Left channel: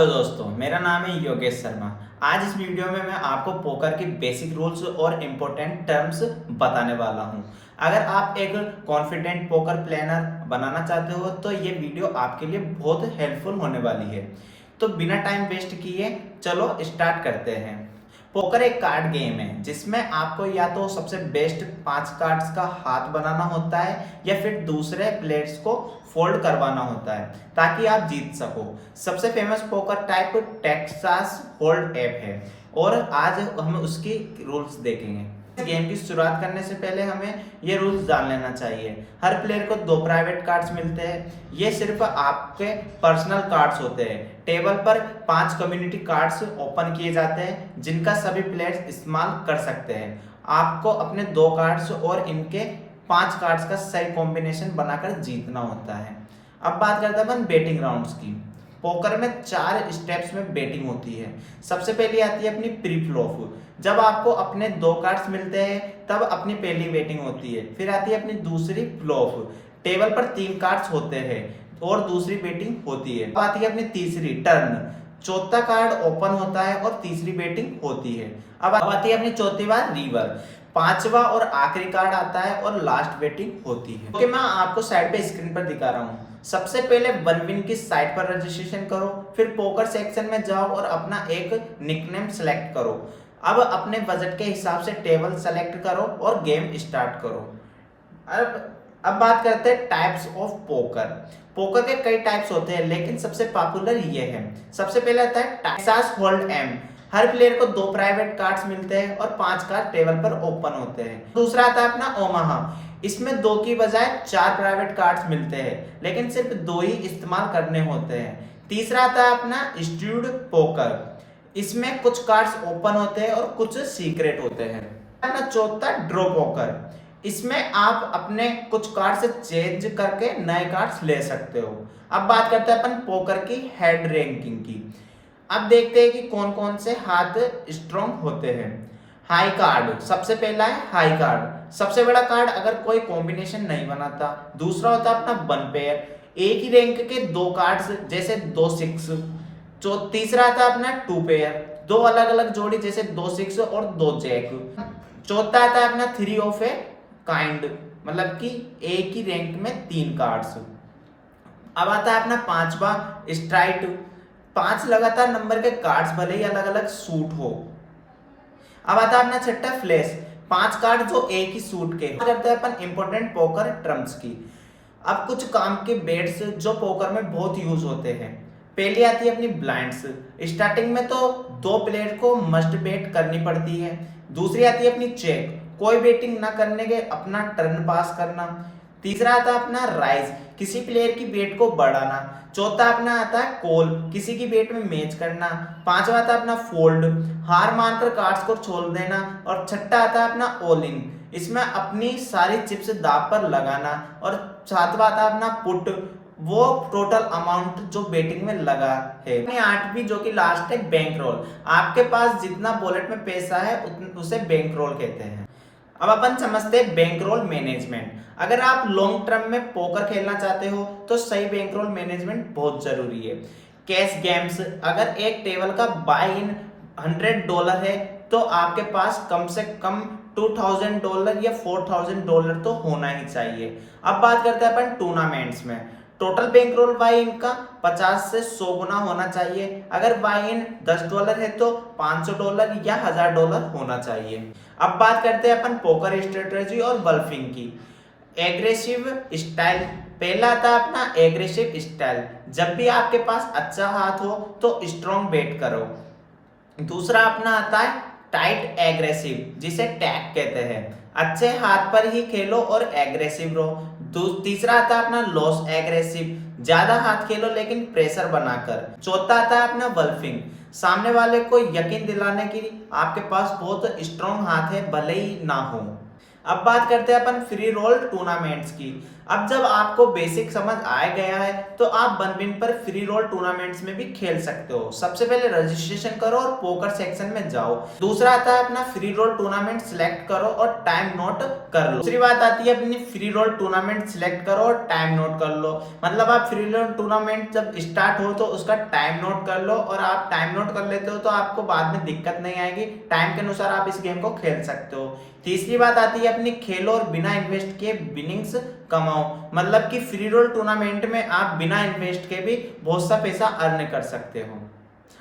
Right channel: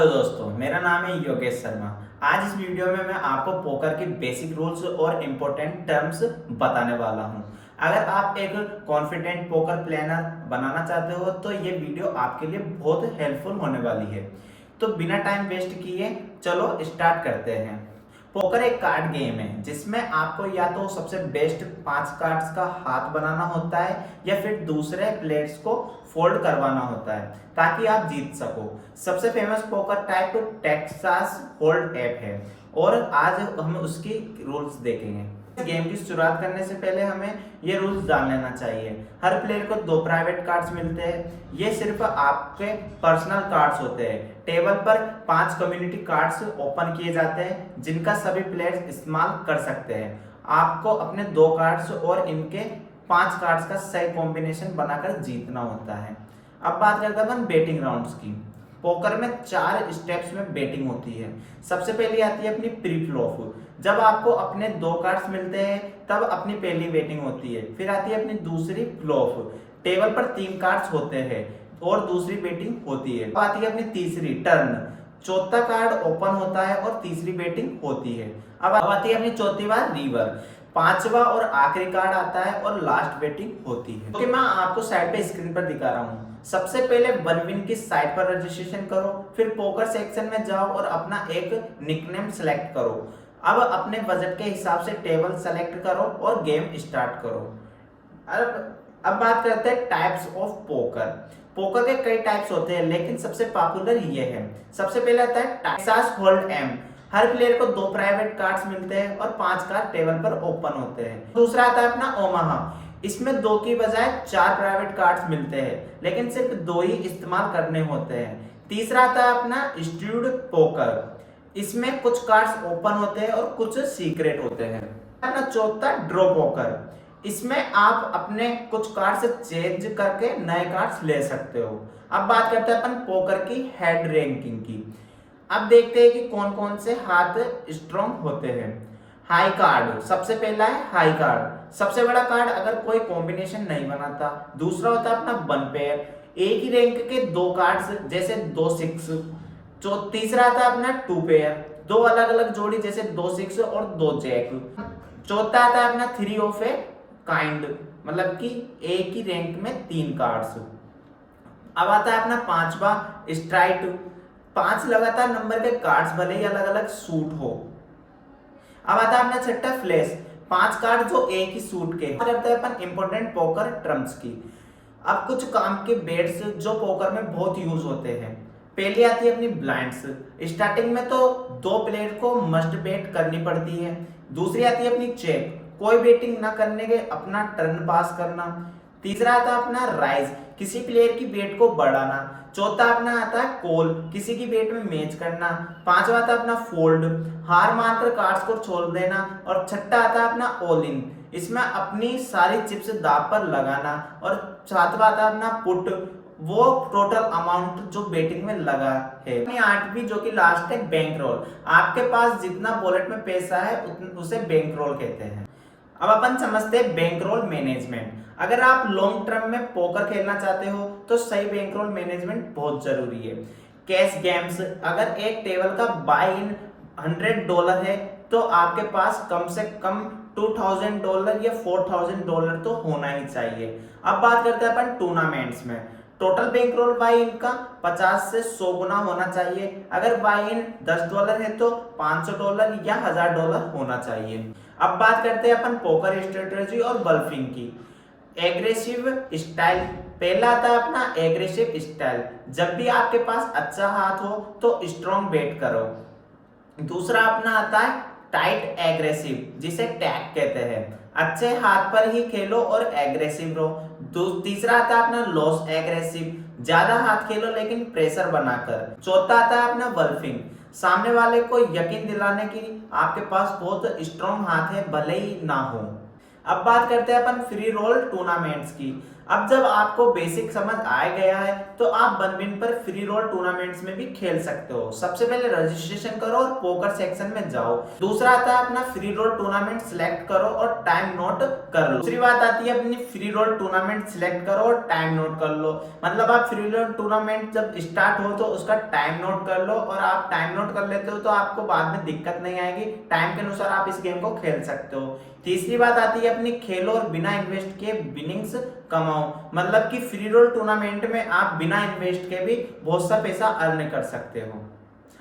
Hello दोस्तों, मेरा नाम है योगेश शर्मा। आज इस वीडियो में मैं आपको पोकर के बेसिक रूल्स और इम्पोर्टेंट टर्म्स बताने वाला हूं। अगर आप एक कॉन्फिडेंट पोकर प्लेयर बनाना चाहते हो तो ये वीडियो आपके लिए बहुत हेल्पफुल होने वाली है। तो बिना टाइम वेस्ट किए चलो स्टार्ट करते हैं। पोकर एक कार्ड गेम है जिसमें आपको या तो सबसे बेस्ट 5 कार्ड्स का हाथ बनाना होता है या फिर दूसरे प्लेयर्स को फोल्ड करवाना होता है ताकि आप जीत सको। सबसे famous poker type Texas hold app है और आज हम उसकी रूल्स देखेंगे। इस गेम की शुरुआत करने से पहले हमें ये रूल्स जान लेना चाहिए। हर प्लेयर को 2 प्राइवेट कार्ड्स मिलते हैं। ये सिर्फ आपके पर्सनल कार्ड्स होते हैं। टेबल पर 5 कम्युनिटी कार्ड्स ओपन किए जाते हैं जिनका सभी प्लेयर्स इस्तेमाल कर सकते हैं। आपको अपने 2 कार्ड्स और इनके 5 कार्ड्स का सही कॉम्बिनेशन बनाकर जीतना होता है। अब बात करते हैं अपन बेटिंग राउंड्स की। पोकर में 4 स्टेप्स में बेटिंग होती है। सबसे पहले आती है अपनी प्री फ्लॉप। जब आपको अपने 2 कार्ड्स मिलते हैं तब अपनी पहली बेटिंग होती है। फिर आती है अपनी दूसरी फ्लॉप। टेबल पर 3 कार्ड्स होते हैं और दूसरी बेटिंग होती है। अब आती है अपनी तीसरी टर्न। चौथा कार्ड ओपन होता है और तीसरी बेटिंग होती है। अब आती है अपनी चौथी बार रिवर। 5वां और आखिरी कार्ड आता है और लास्ट बेटिंग होती है। ओके, मैं आपको साइड पे स्क्रीन पर दिखा रहा हूँ। सबसे पहले वन विन की साइट पर रजिस्ट्रेशन करो, फिर पोकर सेक्शन में जाओ और अपना एक निकनेम सेलेक्ट करो। अब अपने बजट के हिसाब से टेबल सेलेक्ट करो और गेम स्टार्ट करो। अब बात करते हैं टाइप्स ऑफ पोकर। पोकर के कई टाइप्स होते हैं लेकिन सबसे पॉपुलर ये है। सबसे पहले आता है टेक्सास होल्ड एम। हर प्लेयर को 2 प्राइवेट कार्ड्स मिलते हैं और 5 कार्ड टेबल पर ओपन होते हैं। दूसरा आता है अपना ओमाहा। इसमें 2 की बजाय 4 प्राइवेट कार्ड्स मिलते हैं लेकिन सिर्फ 2 ही इस्तेमाल करने होते हैं। तीसरा आता है अपना स्ट्यूड पोकर। इसमें कुछ कार्ड्स ओपन होते हैं और कुछ सीक्रेट होते हैं। अपना चौथा ड्रॉ पोकर। इसमें आप अपने कुछ कार्ड्स चेंज करके नए कार्ड्स ले सकते हो। अब बात करते हैं अपन पोकर की हेड रैंकिंग की। अब देखते हैं कि कौन कौन से हाथ स्ट्रॉन्ग होते हैं। हाई कार्ड, सबसे पहला है हाई कार्ड। सबसे बड़ा कार्ड अगर कोई कॉम्बिनेशन नहीं बनाता। दूसरा होता है अपना 1 पेयर, एक ही रैंक के 2 कार्ड्स जैसे 2 6। तीसरा आता है अपना 2 पेयर, 2 अलग अलग जोड़ी जैसे 2 6 और 2 जैक। चौथा आता है अपना 3 ऑफ ए काइंड, मतलब कि एक ही रैंक में 3 कार्ड्स। अब आता है अपना 5वां स्ट्राइट। 5 लगातार नंबर के कार्ड्स भले ही अलग अलग सूट हो। अब आता है अपना छठा फ्लैश। 5 कार्ड जो एक ही सूट के। करते हैं अपन इंपॉर्टेंट पोकर टर्म्स की। अब कुछ काम के बेट्स जो पोकर में बहुत यूज होते हैं। पहली आती है अपनी ब्लाइंड्स। स्टार्टिंग में तो 2 प्लेयर को मस्ट बेट करनी पड़ती है। दूसरी आती है अपनी चेक, कोई बेटिंग ना करने के अपना टर्न पास करना। तीसरा आता है अपना राइज, किसी प्लेयर की बेट को बढ़ाना। चौथा अपना आता है कॉल, किसी की बेट में मैच करना। 5वां आता है अपना फोल्ड, हार मानकर कार्ड्स को छोड़ देना। और छठा आता है अपना ऑल इन, इसमें अपनी सारी चिप्स दांव पर लगाना। और 7वां आता है अपना पुट, वो टोटल अमाउंट जो बेटिंग में लगा है। 8वीं जो कि लास्ट है बैंक रोल। आपके पास जितना वॉलेट में पैसा है उसे बैंक रोल कहते हैं। अब अपन समझते हैं बैंक रोल मैनेजमेंट। अगर आप लॉन्ग टर्म में पोकर खेलना चाहते हो तो सही बैंक रोल मैनेजमेंट बहुत जरूरी है। कैश गेम्स, अगर एक टेबल का बाय इन $100 है तो आपके पास कम से कम $2000 या $4000 तो होना ही चाहिए। अब बात करते हैं अपन टूर्नामेंट्स में। टोटल बैंक रोल बाय इन का 50 से 100 गुना होना चाहिए। अगर बाय इन $10 है तो $500 या $1000 होना चाहिए। अब बात करते हैं अपन पोकर स्ट्रेटेजी और ब्लफिंग की। एग्रेसिव स्टाइल, पहला आता है अपना एग्रेसिव स्टाइल। जब भी आपके पास अच्छा हाथ हो तो स्ट्रॉन्ग बेट करो। दूसरा अपना आता है टाइट एग्रेसिव, जिसे टैग कहते हैं। अच्छे हाथ पर ही खेलो और एग्रेसिव रहो। तीसरा आता है अपना लॉस एग्रेसिव, ज्यादा हाथ खेलो लेकिन प्रेशर बनाकर। चौथा आता है अपना ब्लफिंग, सामने वाले को यकीन दिलाने की आपके पास बहुत स्ट्रॉन्ग हाथ है भले ही ना हो। अब बात करते हैं अपन फ्री रोल टूर्नामेंट्स की। अब जब आपको बेसिक समझ आ गया है तो आप बनबिन पर फ्री रोल टूर्नामेंट्स में भी खेल सकते हो। सबसे पहले रजिस्ट्रेशन करो और पोकर सेक्शन में जाओ। दूसरा आता है अपना फ्री रोल टूर्नामेंट सिलेक्ट करो और टाइम नोट कर लो। दूसरी बात आती है अपनी फ्री रोल टूर्नामेंट सिलेक्ट करो और टाइम नोट कर लो। मतलब आप फ्री रोल टूर्नामेंट जब स्टार्ट हो तो उसका टाइम नोट कर लो, और आप टाइम नोट कर लेते हो तो आपको बाद में दिक्कत नहीं आएगी। टाइम के अनुसार आप इस गेम को खेल सकते हो। तीसरी बात आती है अपनी खेलो और बिना इन्वेस्ट के विनिंग्स कमाओ। मतलब कि फ्री रोल टूर्नामेंट में आप बिना इन्वेस्ट के भी बहुत सा पैसा अर्न कर सकते हो।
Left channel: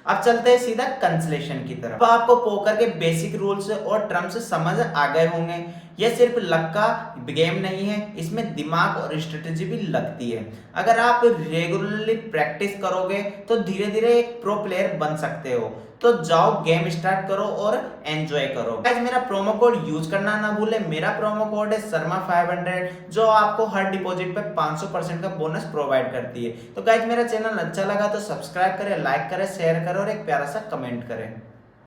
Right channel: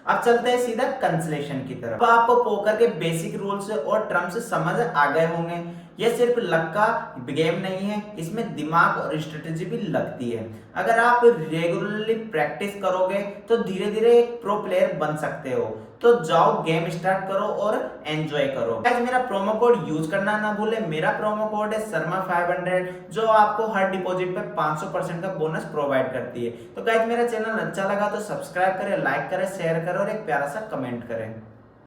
अब चलते हैं सीधा कंसलेशन की तरफ। अब आपको पोकर के बेसिक रूल्स और टर्म्स समझ आ गए होंगे। यह सिर्फ लक का गेम नहीं है, इसमें दिमाग और स्ट्रेटेजी भी लगती है। अगर आप रेगुलरली प्रैक्टिस करोगे तो धीरे धीरे एक प्रो प्लेयर बन सकते हो। तो जाओ गेम स्टार्ट करो और एंजॉय करो। गाइस मेरा प्रोमो कोड यूज करना ना भूले। मेरा प्रोमो कोड है शर्मा500, जो आपको हर डिपॉजिट पे 500% का बोनस प्रोवाइड करती है। तो गाइस मेरा चैनल अच्छा लगा तो सब्सक्राइब करें, लाइक करें, शेयर करें और एक प्यारा सा कमेंट करें।